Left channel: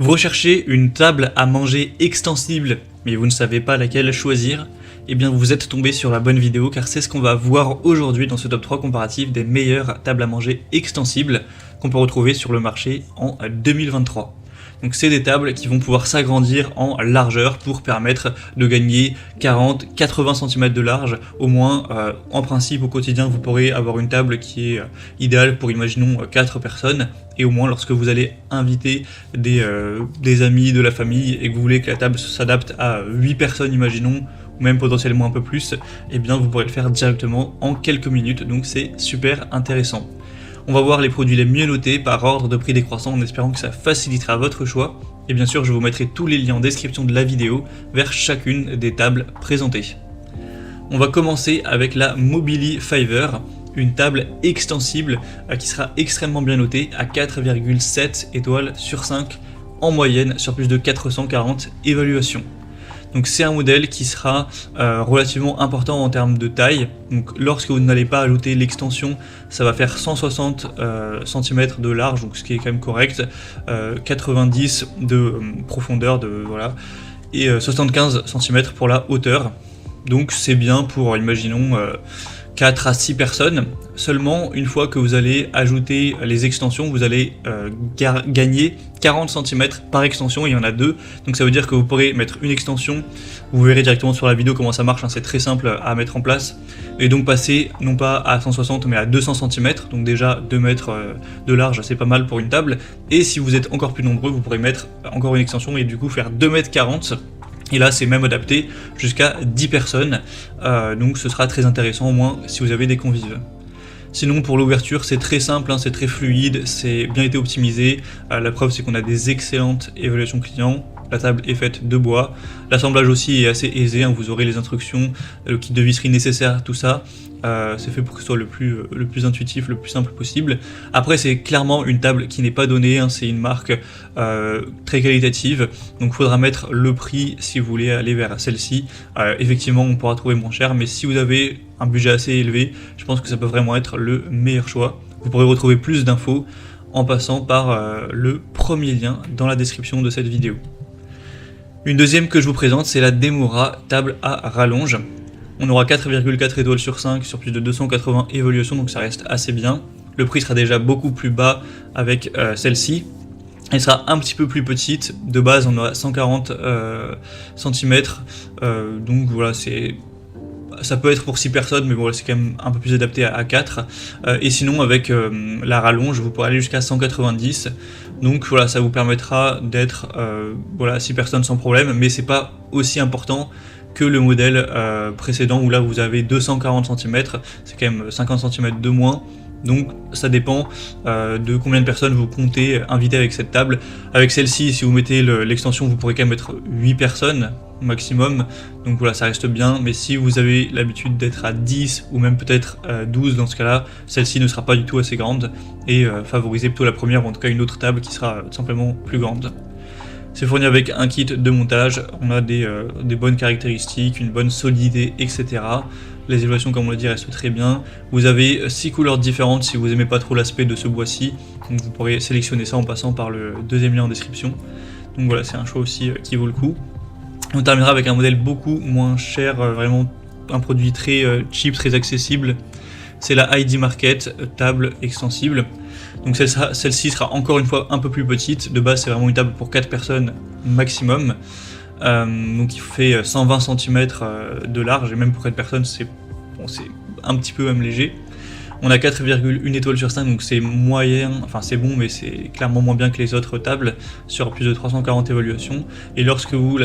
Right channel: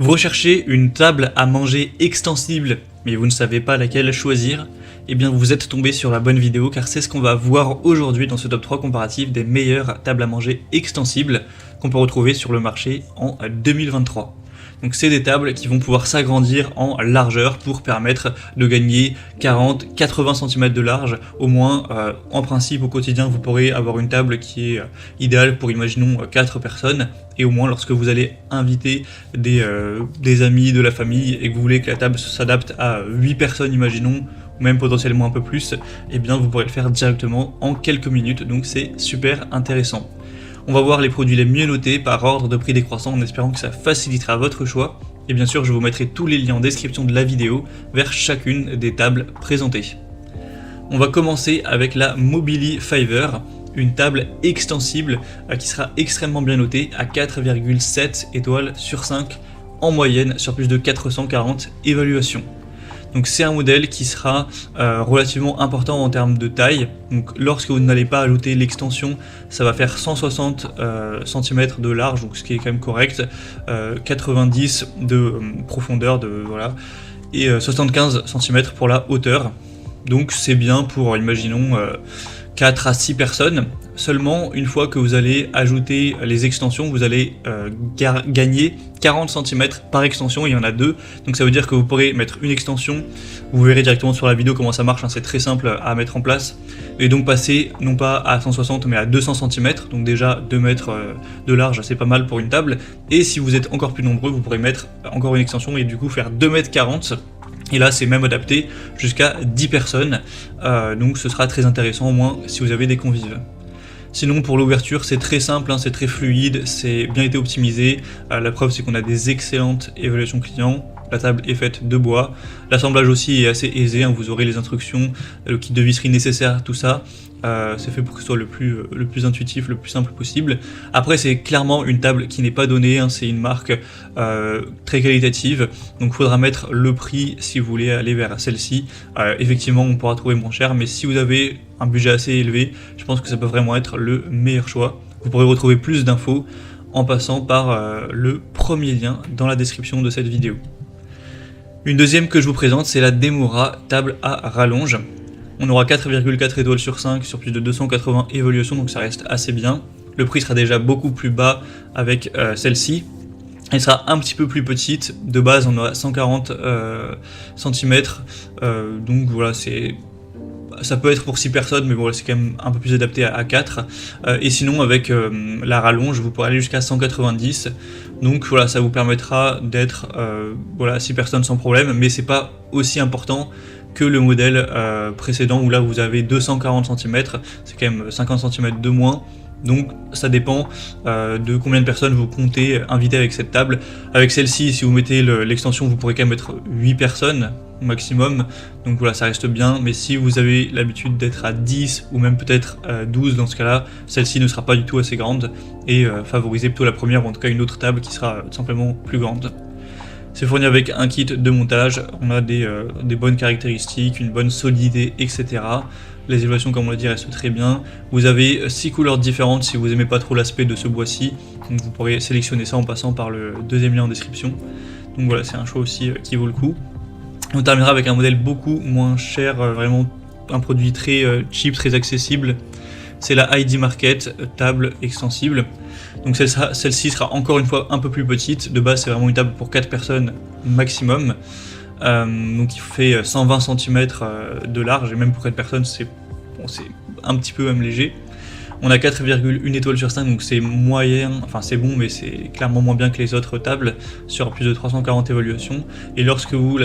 Vous recherchez une table à manger extensible, mais vous ne savez pas laquelle choisir? Eh bien vous êtes tombé sur la bonne vidéo car c'est ce qu'on va voir aujourd'hui dans ce top 3 comparatif des meilleures tables à manger extensibles qu'on peut retrouver sur le marché en 2023. Donc c'est des tables qui vont pouvoir s'agrandir en largeur pour permettre de gagner 40-80 cm de large au moins. En principe au quotidien vous pourrez avoir une table qui est idéale pour imaginons 4 personnes, et au moins lorsque vous allez inviter des amis, de la famille, et que vous voulez que la table s'adapte à 8 personnes imaginons, même potentiellement un peu plus, eh bien vous pourrez le faire directement en quelques minutes, donc c'est super intéressant. On va voir les produits les mieux notés par ordre de prix décroissant en espérant que ça facilitera votre choix. Et bien sûr, je vous mettrai tous les liens en description de la vidéo vers chacune des tables présentées. On va commencer avec la Mobili Fiver, une table extensible qui sera extrêmement bien notée à 4,7 étoiles sur 5 en moyenne sur plus de 440 évaluations. Donc c'est un modèle qui sera relativement important en termes de taille. Donc, lorsque vous n'allez pas ajouter l'extension, ça va faire 160 cm de large, donc ce qui est quand même correct, 90 de profondeur, voilà, et 75 cm pour la hauteur. Donc c'est bien pour, imaginons, 4 à 6 personnes. Seulement, une fois que vous allez ajouter les extensions, vous allez gagner 40 cm par extension, il y en a deux. Donc ça veut dire que vous pourrez mettre une extension, vous verrez directement sur la vidéo comment ça marche, hein, c'est très simple à mettre en place. Et donc passer, non pas à 160 mais à 200 cm, donc déjà 2 mètres de large, c'est pas mal pour une table. Et si vous êtes encore plus nombreux, vous pourrez mettre encore une extension et du coup faire 2,40 m. Et là, c'est même adapté jusqu'à 10 personnes, donc ce sera très intéressant, au moins si vous avez des convives. Sinon, pour l'ouverture, c'est très simple, hein, c'est très fluide, c'est bien été optimisé. La preuve, c'est qu'on a des excellentes évaluations clients. La table est faite de bois. L'assemblage aussi est assez aisé, hein, vous aurez les instructions, le kit de visserie nécessaire, tout ça. C'est fait pour que ce soit le plus intuitif, le plus simple possible. Après, c'est clairement une table qui n'est pas donnée, hein, c'est une marque très qualitative, donc il faudra mettre le prix si vous voulez aller vers celle-ci. Effectivement, on pourra trouver moins cher, mais si vous avez un budget assez élevé, je pense que ça peut vraiment être le meilleur choix. Vous pourrez retrouver plus d'infos en passant par le premier lien dans la description de cette vidéo. Une deuxième que je vous présente, c'est la Demora table à rallonge. On aura 4,4 étoiles sur 5 sur plus de 280 évaluations, donc ça reste assez bien. Le prix sera déjà beaucoup plus bas avec celle-ci. Elle sera un petit peu plus petite. De base, on aura 140 cm. Donc voilà, ça peut être pour 6 personnes, mais voilà, c'est quand même un peu plus adapté à 4. Et sinon, avec la rallonge, vous pourrez aller jusqu'à 190. Donc voilà, ça vous permettra d'être 6 personnes sans problème, mais c'est pas aussi important que le modèle précédent où là vous avez 240 cm, c'est quand même 50 cm de moins. Donc ça dépend de combien de personnes vous comptez inviter avec cette table. Avec celle-ci, si vous mettez l'extension, vous pourrez quand même mettre 8 personnes maximum, donc voilà, ça reste bien. Mais si vous avez l'habitude d'être à 10 ou même peut-être 12, dans ce cas-là, celle-ci ne sera pas du tout assez grande et favorisez plutôt la première, ou en tout cas une autre table qui sera simplement plus grande. C'est fourni avec un kit de montage, on a des bonnes caractéristiques, une bonne solidité, etc. Les évaluations, comme on l'a dit, restent très bien. Vous avez 6 couleurs différentes si vous n'aimez pas trop l'aspect de ce bois-ci. Donc vous pourrez sélectionner ça en passant par le deuxième lien en description. Donc voilà, c'est un choix aussi qui vaut le coup. On terminera avec un modèle beaucoup moins cher, vraiment un produit très cheap, très accessible. C'est la ID Market table extensible. Donc celle-ci sera encore une fois un peu plus petite. De base, c'est vraiment une table pour 4 personnes maximum. Donc il fait 120 cm de large, et même pour 4 personnes, c'est un petit peu même léger. On a 4,1 étoiles sur 5, donc c'est moyen, enfin c'est bon, mais c'est clairement moins bien que les autres tables, sur plus de 340 évaluations. Et lorsque vous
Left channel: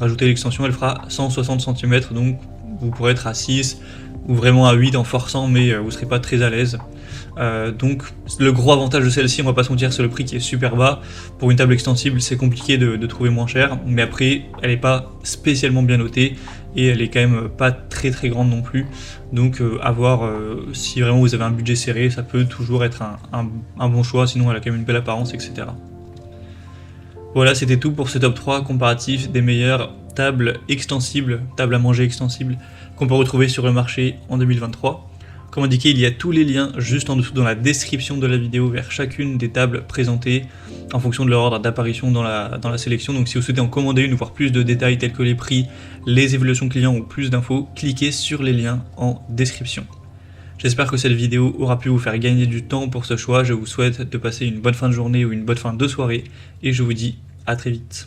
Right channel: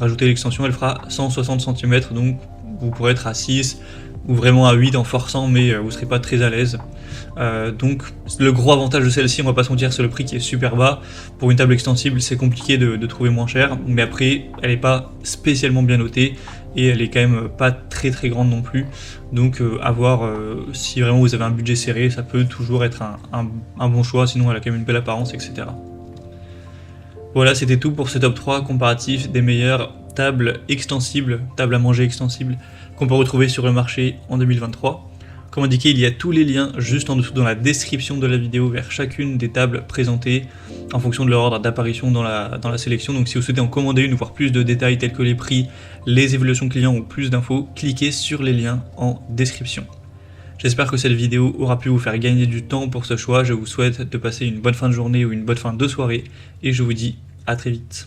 rajoutez l'extension, elle fera 160 cm, donc vous pourrez être à 6 ou vraiment à 8 en forçant, mais vous ne serez pas très à l'aise. Donc le gros avantage de celle-ci, on va pas se mentir, c'est le prix qui est super bas. Pour une table extensible, c'est compliqué de trouver moins cher, mais après elle n'est pas spécialement bien notée et elle est quand même pas très très grande non plus. Donc à voir, si vraiment vous avez un budget serré, ça peut toujours être un bon choix, sinon elle a quand même une belle apparence, etc. Voilà, c'était tout pour ce top 3 comparatif des meilleures tables extensibles, tables à manger extensibles qu'on peut retrouver sur le marché en 2023. Comme indiqué, il y a tous les liens juste en dessous dans la description de la vidéo vers chacune des tables présentées en fonction de leur ordre d'apparition dans la sélection. Donc si vous souhaitez en commander une ou voir plus de détails tels que les prix, les évaluations clients ou plus d'infos, cliquez sur les liens en description. J'espère que cette vidéo aura pu vous faire gagner du temps pour ce choix. Je vous souhaite de passer une bonne fin de journée ou une bonne fin de soirée et je vous dis à très vite.